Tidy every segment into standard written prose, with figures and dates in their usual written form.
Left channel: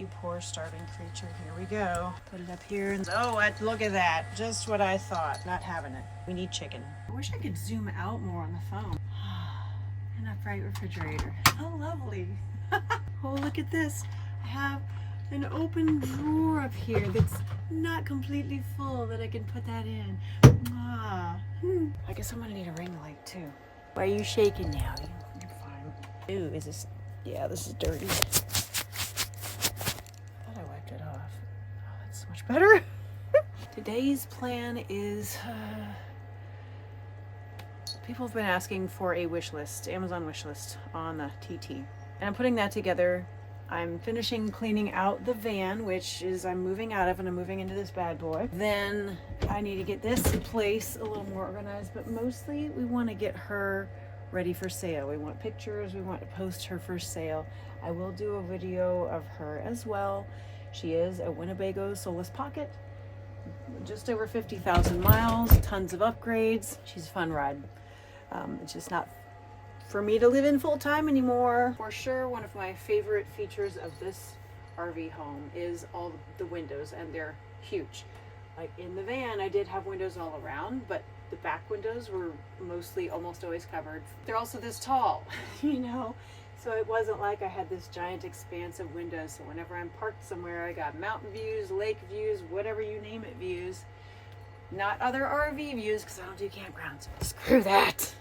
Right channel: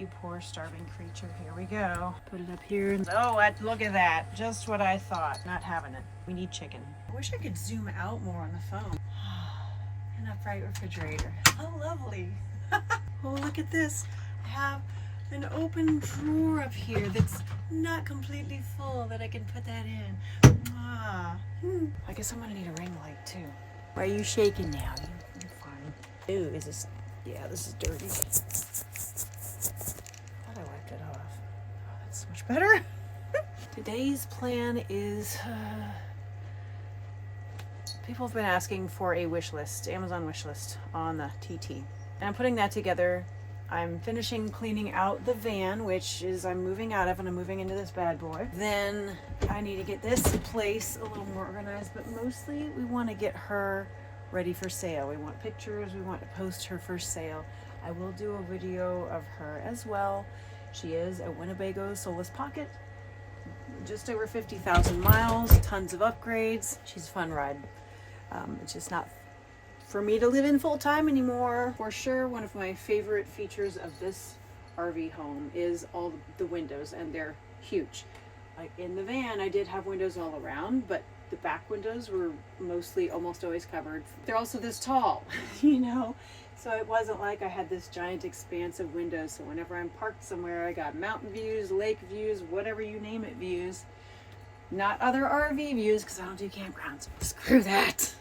you poor starving creature. Here we go. Put it up here. Oh, look at that. Just what I thought. Not having it. We need chicken. I wish I could zoom out more on the phone. And a bright refrigerator. How lovely. Oh, look at this. I have an open drawer up here that's not completely full that I can put that in. I guess I'm gonna need a ring light too. Why are you shaking now? You're fine. Ooh, is this? Yeah, this is dirty. Thought I wiped it off. Oh, that's so much better. Today's plan is, people have been asking for a wish list, Amazon wish list on the TT. And I'm putting that together. I'm finishing cleaning out the van, which is I'm moving out of, and I'm moving into this bad boy. Then I need to get this place a little more organized, but mostly we want to get her ready for sale. We want pictures, we want to post her for sale. I will do a video of her as well. She is a Winnebago Soulless Pocket, just over 50,000 miles, tons of upgrades. She's a fun ride. It's just not for me to live in full time anymore. For sure, one of my favorite features of this RV home is all the windows, and they're huge. Like in the van, I did have windows all around, but the back windows were mostly almost always covered. They're also this tall, you know? So it wasn't like I had this giant expanse of windows. So whenever I'm parked somewhere, I got mountain views, lake views, whatever you name it views. Not other RV views, because I don't do campgrounds. Screw that.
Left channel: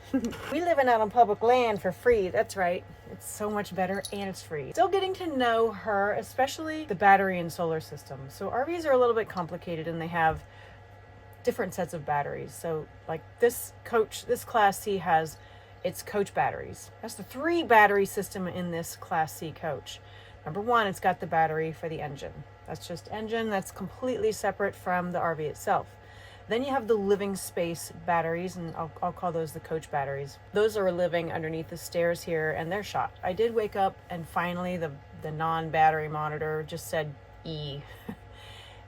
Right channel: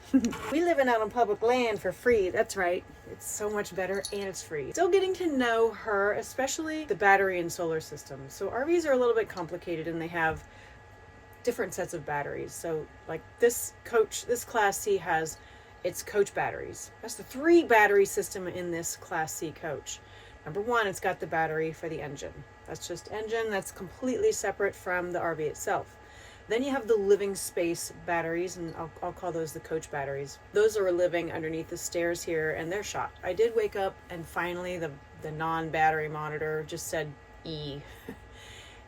We living out on public land for free. That's right. It's so much better, and it's free. Still getting to know her, especially the battery and solar system. So RVs are a little bit complicated, and they have different sets of batteries. So like this Class C has its coach batteries. That's the 3 battery system in this Class C coach. Number 1, it's got the battery for the engine. That's just engine. That's completely separate from the RV itself. Then you have the living space batteries, and I'll call those the coach batteries. Those are living underneath the stairs here, and they're shot. I did wake up, and finally the non-battery monitor just said E.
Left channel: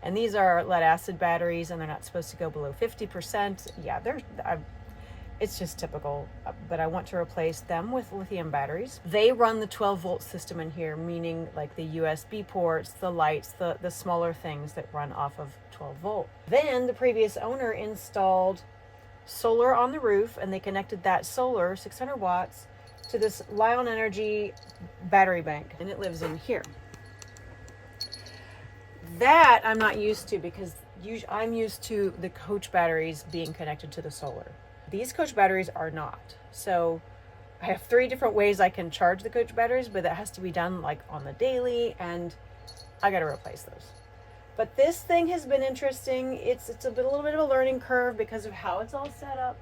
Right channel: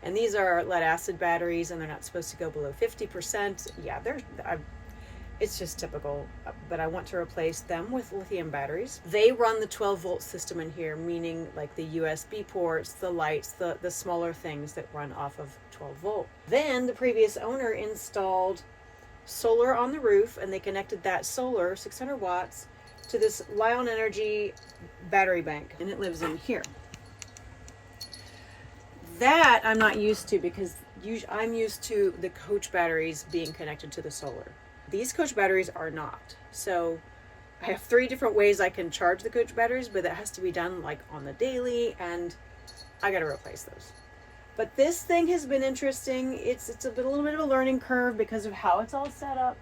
And these are lead acid batteries, and they're not supposed to go below 50%. Yeah, it's just typical, but I want to replace them with lithium batteries. They run the 12-volt system in here, meaning like the USB ports, the lights, the smaller things that run off of 12 volt. Then the previous owner installed solar on the roof, and they connected that solar, 600 watts, to this Lion Energy battery bank, and it lives in here. That I'm not used to, because I'm used to the coach batteries being connected to the solar. These coach batteries are not. So I have 3 different ways I can charge the coach batteries, but that has to be done like on the daily, and I got to replace those. But this thing has been interesting. It's a little bit of a learning curve because of how it's all set up.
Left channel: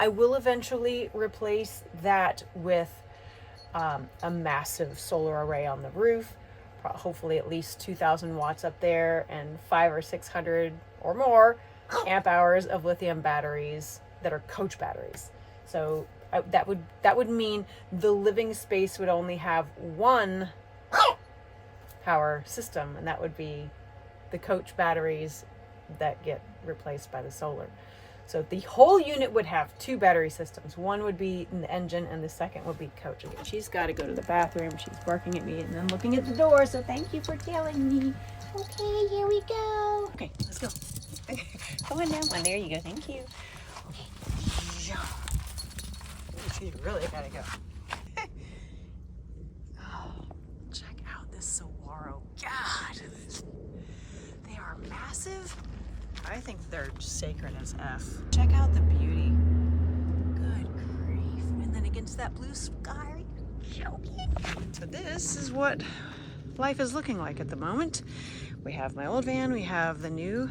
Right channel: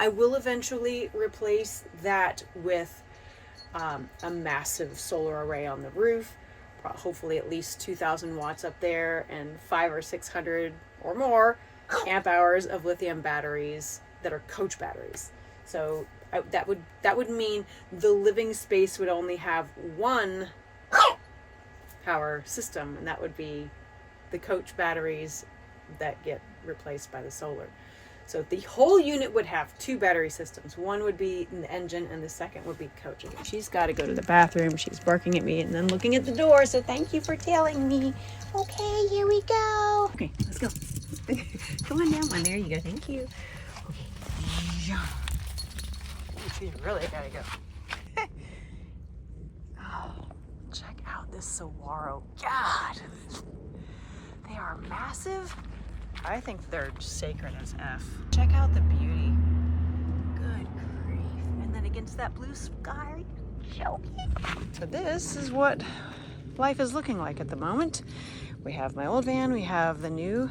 I will eventually replace that with a massive solar array on the roof, hopefully at least 2,000 watts up there, and 500 or 600 or more amp hours of lithium batteries that are coach batteries. So that would mean the living space would only have 1 power system, and that would be the coach batteries that get replaced by the solar. So the whole unit would have 2 battery systems. One would be in the engine, and the second would be coach. Okay, she's got to go to the bathroom. She's barking at me and then looking at the door. So thank you for telling me. Okay, here we go. Okay, let's go. Come on down. Oh, there you go. Thank you. Okay. Oh, she's really got to go. Oh, check out this saguaro. God. They are massive. I think they're sacred as F. Check out the beauty. Good grief. And then against that blue sky, are you joking? So this is what life is looking like at the moment. We have my old van, we have the new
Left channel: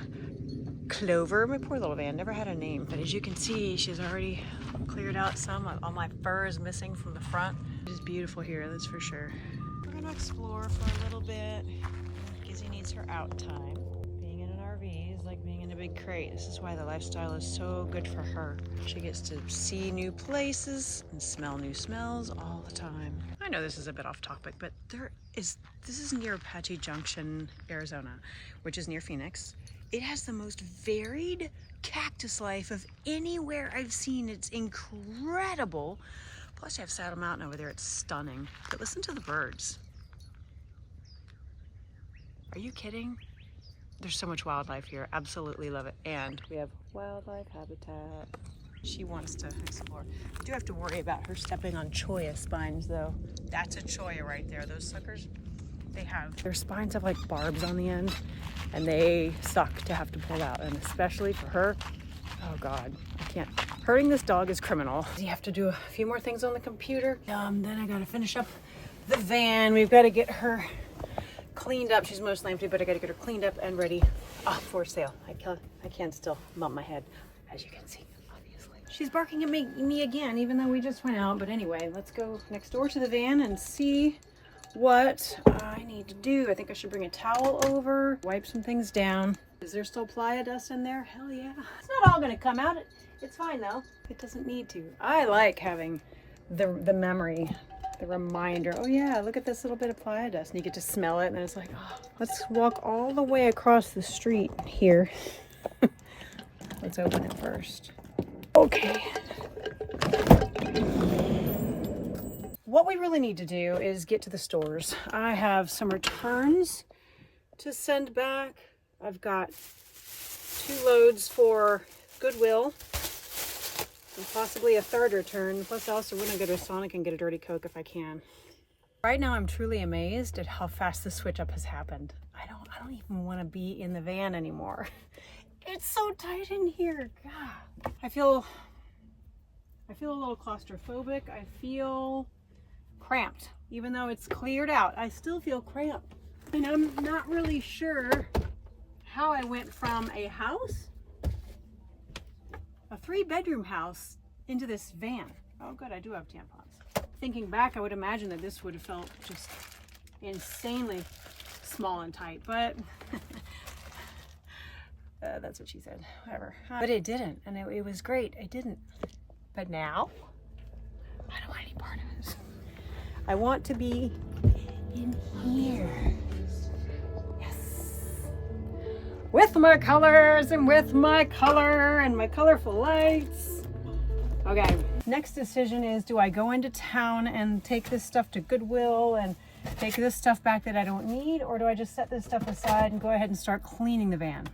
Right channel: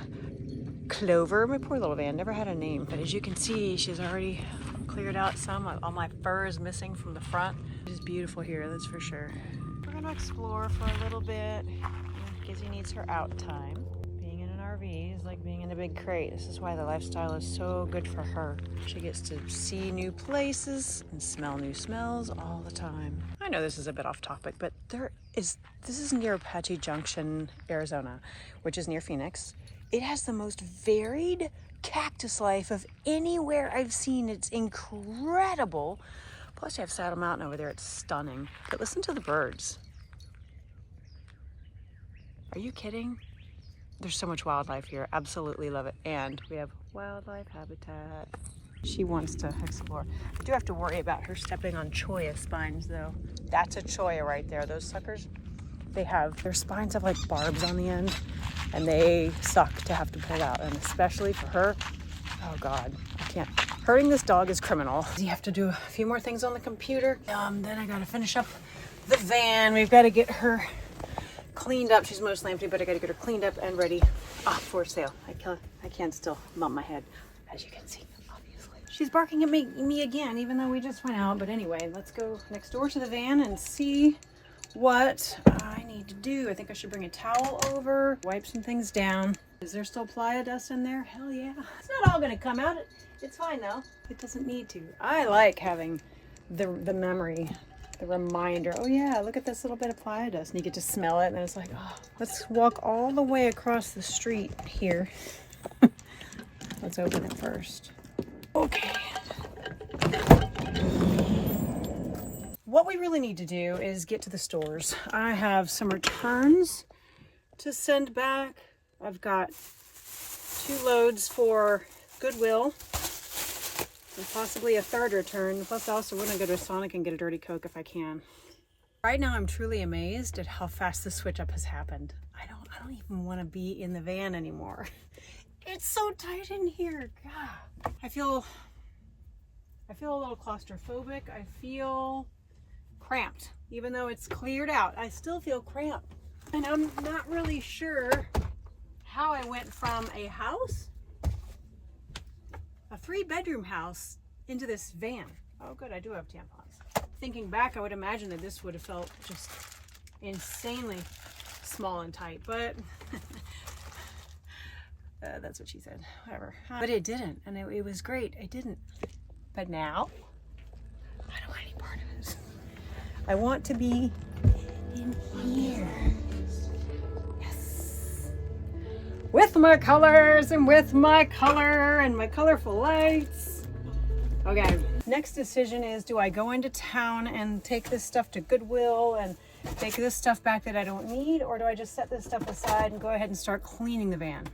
Clover. My poor little van never had a name, but as you can see, she's already cleared out some. All my fur is missing from the front. It is beautiful here, that's for sure. We're gonna explore for a little bit. Gizzy needs her out time. Being in an RV is like being in a big crate. This is why the lifestyle is so good for her. She gets to see new places and smell new smells all the time. I know this is a bit off topic, but this is near Apache Junction, Arizona, which is near Phoenix. It has the most varied cactus life of anywhere I've seen. It's incredible. Plus you have Saddle Mountain over there. It's stunning. But listen to the birds. Are you kidding? There's so much wildlife here. Absolutely love it. And we have wildlife habitat. She wants to explore. I do have to worry about her stepping on cholla spines though. That's a cholla right there. Those suckers, their spines have like barbs on the end and they suck to have to pull out. And especially for her, oh God, I can't. Hurting this dog is criminal. You have to do a few more things on the computer. Then I gotta finish up the van. We've got to get her cleaned up. She's mostly empty, but I gotta get her cleaned up and ready for sale. I can't still bump my head, as you can see, obviously. She's barking at me again, even though we just went out. But anyway, let's go next door to the van and see what I need to do. I think I should bring a towel over, wipe some things down. Is there still playa dust in there? Hell yeah. It's not all gonna come out. It's fine though. It doesn't need to. I like having the memory, the reminder. Oh yeah, look at this little bit of playa dust. And you get to smell it and then it's like, oh, let's walk all the way across the street here. Let's open it first. Okay. What we really need to do is get to the stores. I have some returns to send back. I've got 2 loads for Goodwill and possibly a 3rd return. Plus I also wouldn't go to Sonic and get a Dirty Coke if I can. Right now I'm truly amazed at how fast the switch up has happened. I don't even want to be in the van anymore. It's so tight in here. God. I feel a little claustrophobic. I feel cramped. Even though it's cleared out, I still feel cramped. And I'm not really sure how I went from a house, a 3-bedroom house, into this van. Oh good, I do have tampons. Thinking back, I would imagine that this would have felt just insanely small and tight, but that's what she said, whatever. But it didn't, and it was great, it didn't. But now, I don't want any part of it. I want to be in here. With my colors and with my color and my colorful lights. Okay, next decision is, do I go into town and take this stuff to Goodwill and take this stuff back that I don't need, or do I just set this stuff aside and go ahead and start cleaning the van?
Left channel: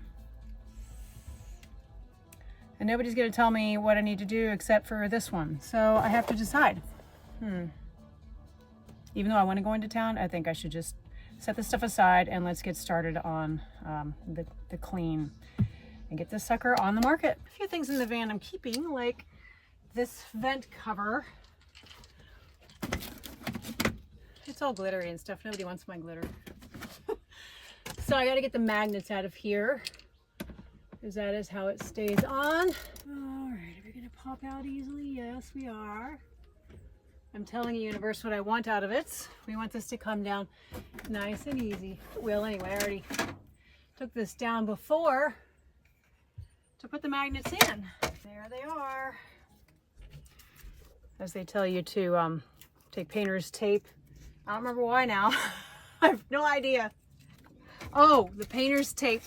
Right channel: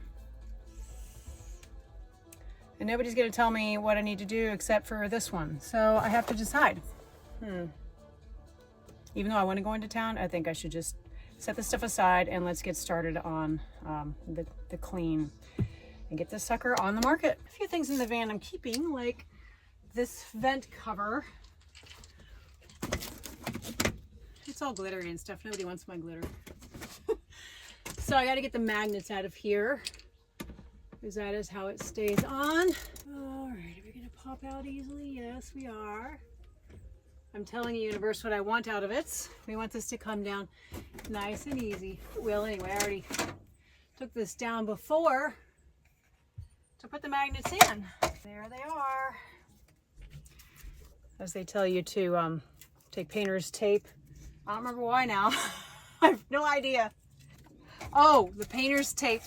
And nobody's gonna tell me what I need to do except for this one, so I have to decide. Even though I want to go into town, I think I should just set this stuff aside and let's get started on the clean and get this sucker on the market. A few things in the van I'm keeping, like this vent cover. It's all glittery and stuff. Nobody wants my glitter. So I got to get the magnets out of here, because that is how it stays on. All right, are we going to pop out easily? Yes, we are. I'm telling the universe what I want out of it. We want this to come down nice and easy. Well, anyway, I already took this down before to put the magnets in. There they are. As they tell you to take painter's tape. I don't remember why now. I have no idea. Oh, the painter's tape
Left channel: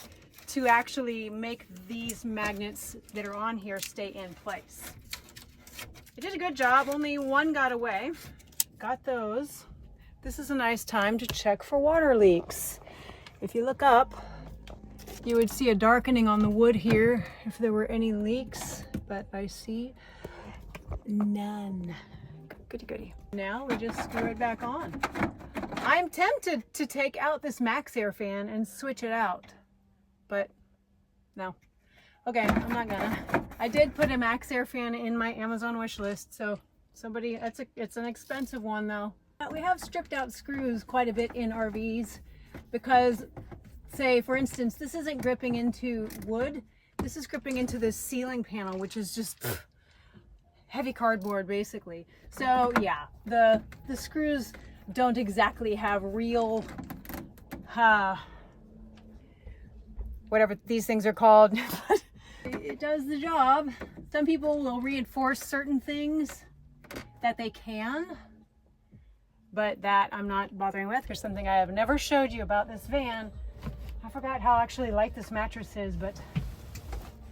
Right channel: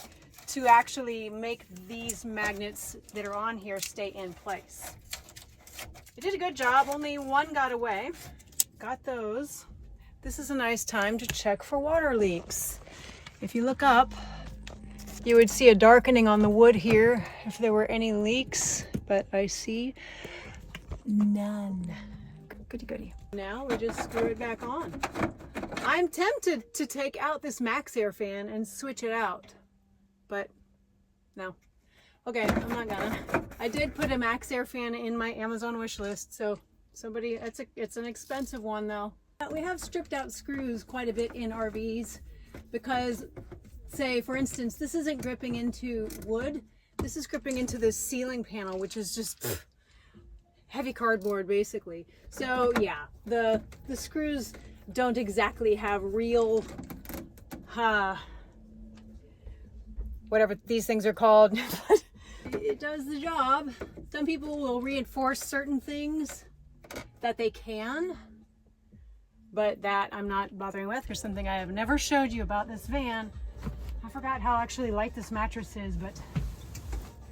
to actually make these magnets that are on here stay in place. I did a good job, only one got away. Got those. This is a nice time to check for water leaks. If you look up, you would see a darkening on the wood here if there were any leaks, but I see none. Goody goody. Now we just screw it back on. I'm tempted to take out this Max Air fan and switch it out, but no. Okay, I'm not gonna. I did put a Max Air fan in my Amazon wish list, so somebody, it's an expensive one though. We have stripped out screws quite a bit in RVs because, say for instance, this isn't gripping into wood, this is gripping into this ceiling panel, which is just heavy cardboard basically. So yeah, the screws don't exactly have real, whatever these things are called. It does the job. Some people will reinforce certain things that they can, but that I'm not bothering with. There's something I have never showed you about this van. I forgot how actually light this mattress is, but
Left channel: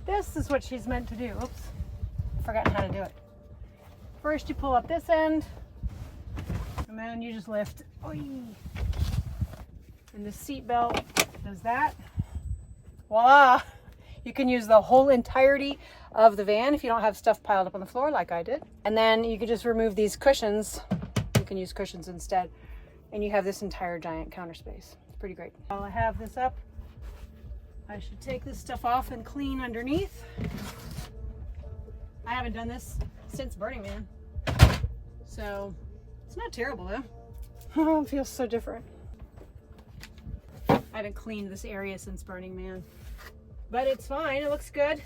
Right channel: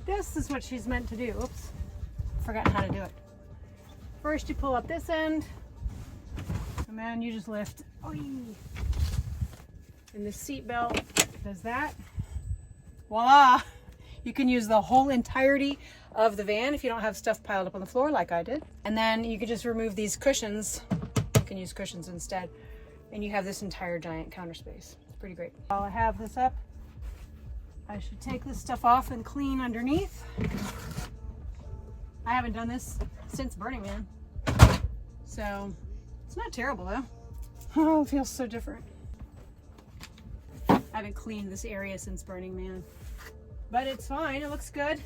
this is what she's meant to do. Oops, forgotten how to do it. First you pull up this end, and then you just lift. Oy. And the seat belt does that. Voila! You can use the whole entirety of the van if you don't have stuff piled up on the floor like I did. And then you could just remove these cushions. You can use cushions instead. And you have this entire giant counter space. It's pretty great. While I have this up, I should take this stuff off and clean underneath. I haven't done this since Burning Man. So it's not terrible though. Oh, it feels so different. I haven't cleaned this area since Burning Man. But it's fine, it looks good.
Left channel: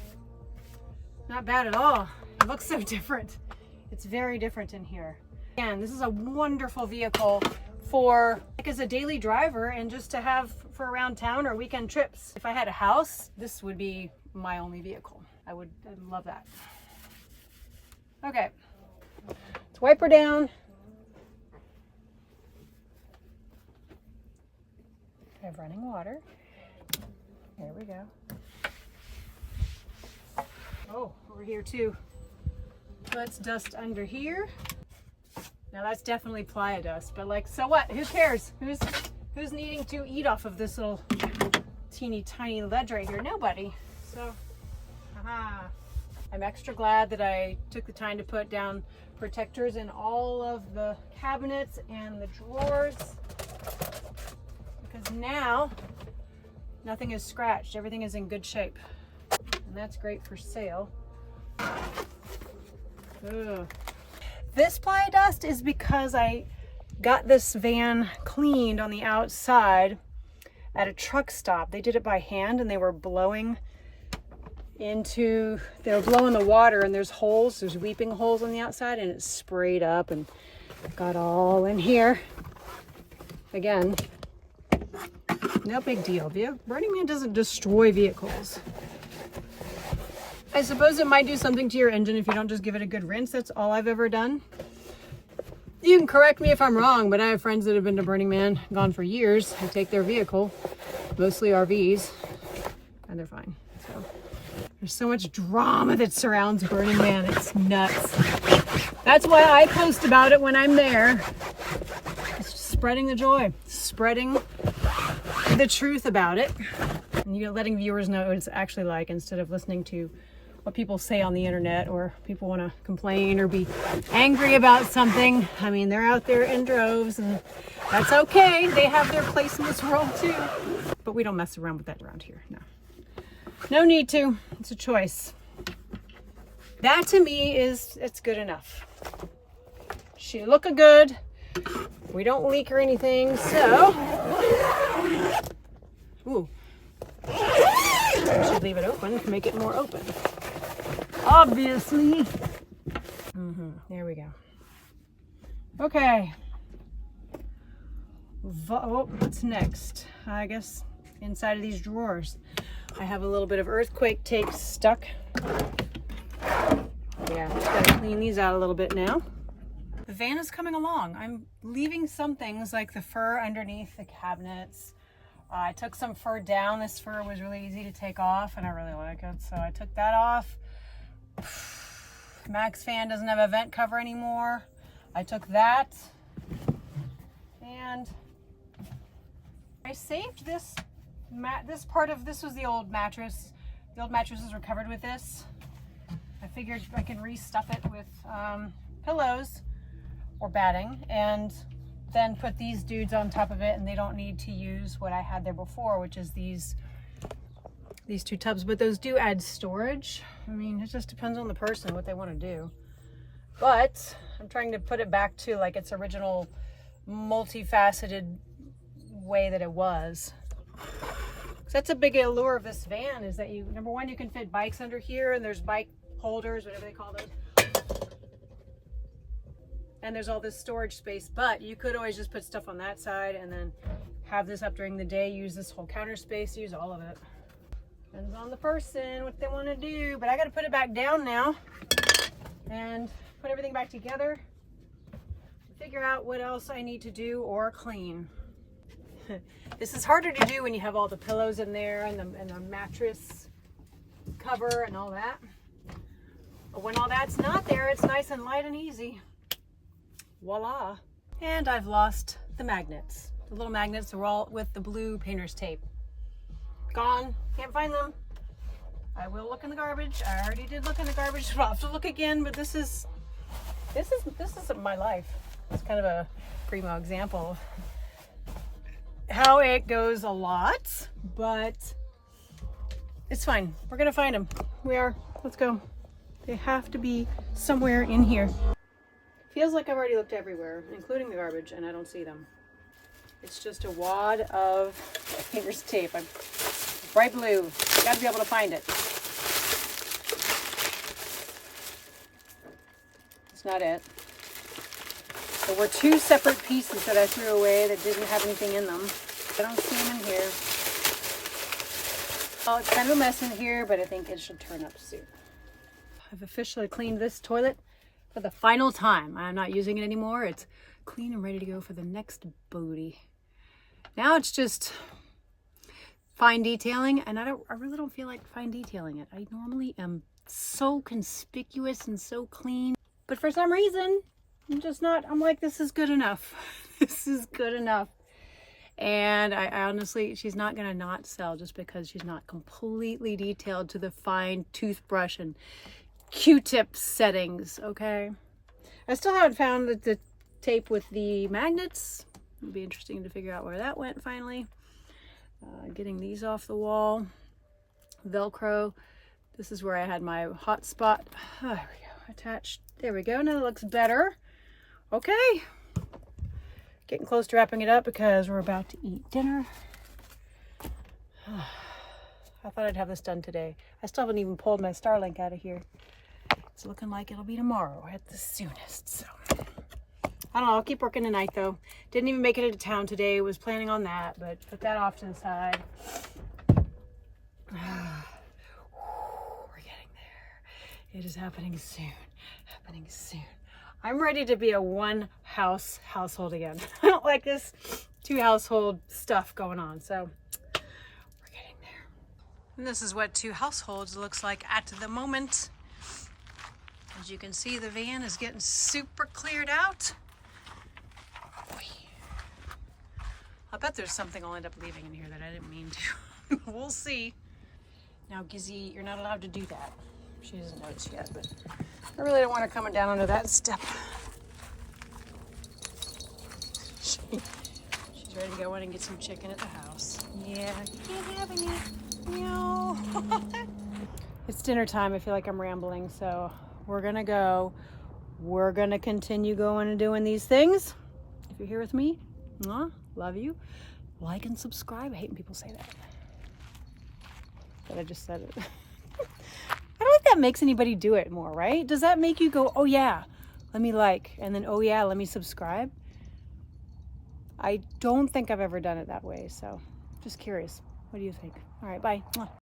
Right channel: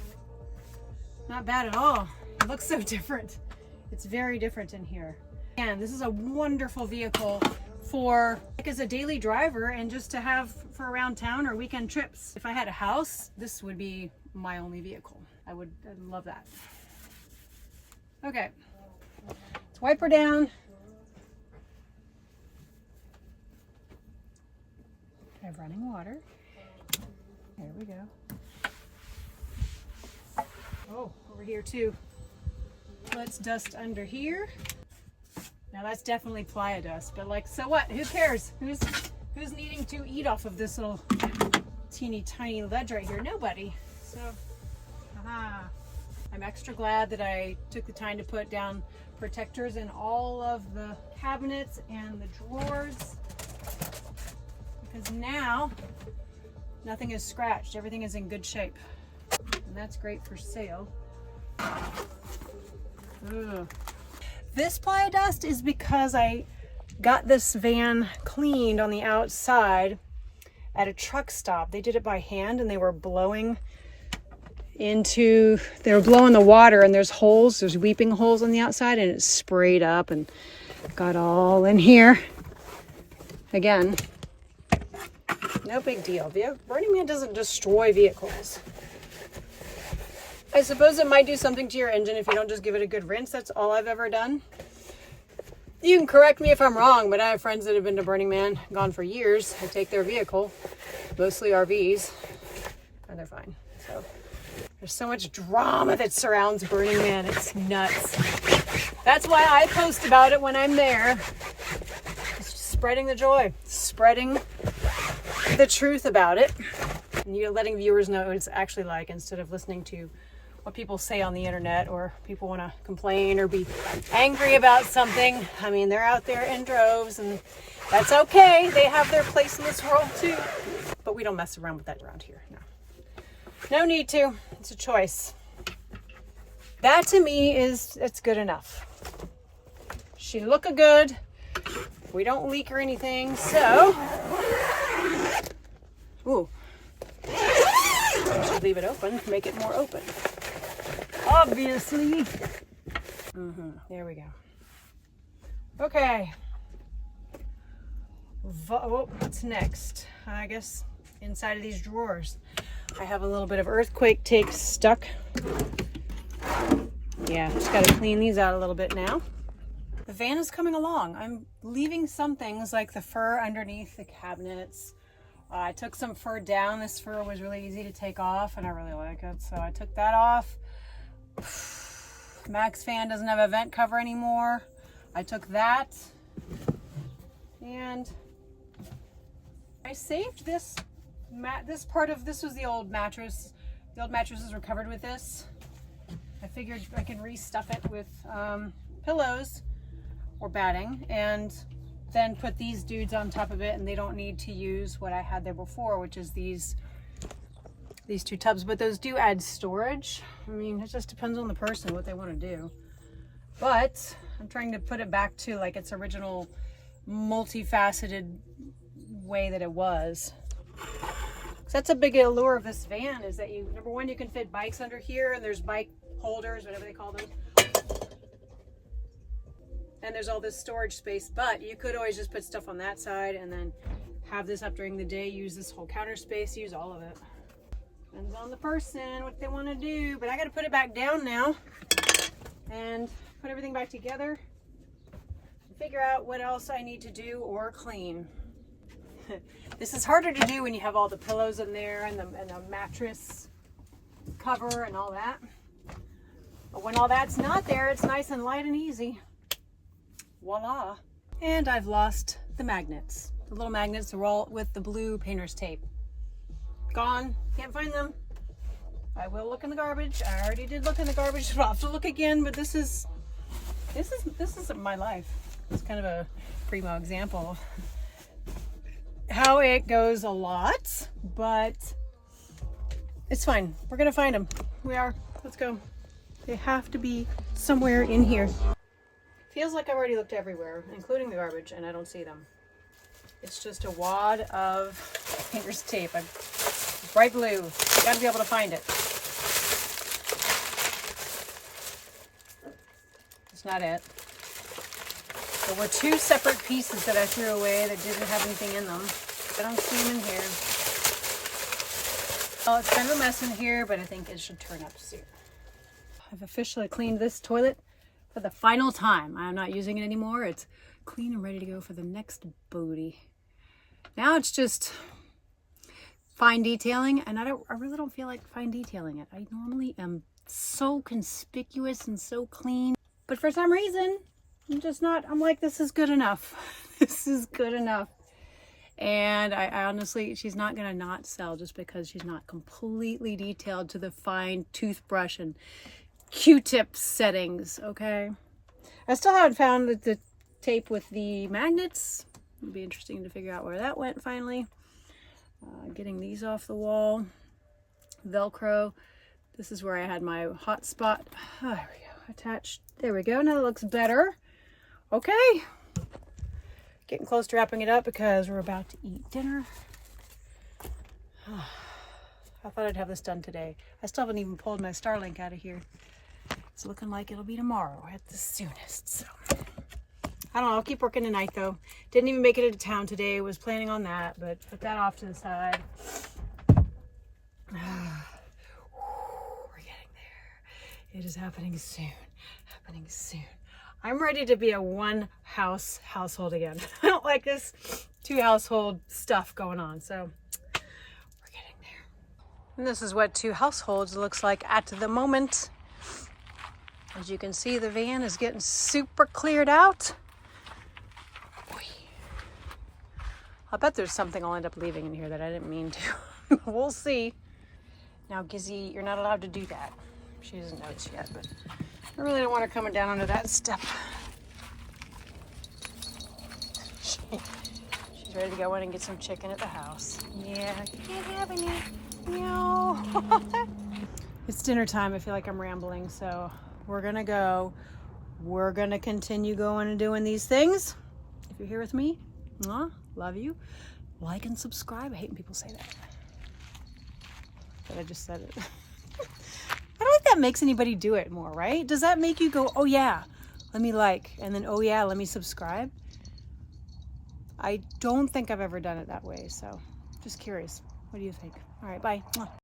Not bad at all. It looks so different. It's very different in here. And this is a wonderful vehicle for like as a daily driver and just to have for around town or weekend trips. If I had a house, this would be my only vehicle. I'd love that. Okay, let's wipe her down. I have running water. There we go. Oh, over here too. Let's dust under here. Now that's definitely playa dust, but like, so what? Who cares? Who's needing to eat off of this little teeny tiny ledge right here? Nobody. So, I'm extra glad that I took the time to put down protectors in all of the cabinets and the drawers, because now nothing is scratched. Everything is in good shape. And that's great for sale. Ugh. This playa dust is because I got this van cleaned on the outside at a truck stop. They did it by hand and they were blowing the water, and there's weeping holes on the outside, and it sprayed up and got all in here. Again, no big deal. Burning Man doesn't destroy vehicles. I suppose it might do something to your engine if you don't just give it a good rinse. That's all I've ever done. You can correct me if I'm wrong, but I have friends that have been to Burning Man, gone for years. I take their vehicle, mostly RVs, and they're fine. So there's so much drama that surrounds Burning Man. It's nuts. That's why I post about it when I'm there. Just spreading the joy, spreading the truth about it. And you're letting viewers know what it's actually like instead of listening to what people say on the internet, or people want to complain or be angry about something. I mean, they're out there in droves, and that's okay. They have their place in this world too. But we don't mess around with that around here. No need to. It's a choice. That to me it's good enough. She look good. We don't leak or anything, so. Ooh. I should leave it open to make it more open. Obviously. There we go. Okay. What's next? I guess inside of these drawers, I have a little bit of earthquake tape stuck. Yeah, just gotta clean these out a little bit now. The van is coming along. I'm leaving some things like the fur underneath the cabinets. I took some fur down. This fur was really easy to take off, and I really like it, so I took that off. Mac's fan doesn't have a vent cover anymore. I took that, and I saved this. This was the old mattress. The old mattresses were covered with this. I figured I can restuff it with pillows or batting, and then put these dudes on top of it, and they don't need to use what I had there before, which is these two tubs. But those do add storage. I mean, it just depends on the person what they want to do. But I'm trying to put it back to like its original multifaceted way that it was. So that's a big allure of this van, is that number one, you can fit bikes under here, and there's bike holders, whatever they call those. And there's all this storage space, but you could always just put stuff on that side and then have this up during the day, use this whole counter space, use all of it. Depends on the person, what they want to do. But I got to put it back down now and put everything back together and figure out what else I need to do or clean. This is harder to do when you have all the pillows in there and the mattress cover and all that. But when all that's not there, it's nice and light and easy. Voila. And I've lost the magnets. The little magnets are all with the blue painter's tape. Gone. Can't find them. I will look in the garbage. I already did look in the garbage. I'll have to look again, but this is my life. It's kind of a primo example how it goes a lot, but it's fine. We're gonna find them. We are. Let's go. They have to be somewhere in here. Feels like I've already looked everywhere, including the garbage, and I don't see them. It's just a wad of painter's tape. Bright blue. You gotta be able to find it. It's not it. There were two separate pieces that I threw away that didn't have anything in them. I don't see them in here. Well, it's kind of a mess in here, but I think it should turn up soon. I've officially cleaned this toilet for the final time. I'm not using it anymore. It's clean and ready to go for the next booty. Now it's just fine detailing, and I really don't feel like fine detailing it. I normally am so conspicuous and so clean, but for some reason, I'm just not. I'm like, this is good enough. This is good enough. And I honestly, she's not gonna not sell just because she's not completely detailed to the fine toothbrush and Q-tip settings, okay? I still haven't found the tape with the magnets. It'll be interesting to figure out where that went finally. Getting these off the wall. Velcro. This is where I had my hot spot. Oh, there we go. Attached. There we go. Now it looks better. Okay. Getting close to wrapping it up because we're about to eat dinner. I thought I'd have this done today. I still haven't even pulled my Starlink out of here. It's looking like it'll be tomorrow at the soonest. So I don't know. I'll keep working tonight though. Didn't even make it into town today. Was planning on that, but put that off to the side. We're getting there. It is happening soon. Happening soon. I'm ready to be a one household again. I don't like this two household stuff going on. So we're getting there. And this is what two households looks like at the moment. As you can see, the van is getting super cleared out. Boy. I bet there's something I'll end up leaving in here that I didn't mean to. We'll see. Now, Gizzy, you're not allowed to do that. She doesn't notice yet, but I really don't want her coming down under that step. She's ready to go in and get some chicken at the house. Yeah, you can't have any. No. It's dinner time. I feel like I'm rambling, so we're gonna go. We're gonna continue going and doing these things. If you're here with me, love you. Like and subscribe. I hate when people say that. But I just said it. I don't think that makes anybody do it more, right? Does that make you go, oh yeah, let me like, and then oh yeah, let me subscribe? I don't think I've ever done it that way, so just curious. What do you think? All right, bye.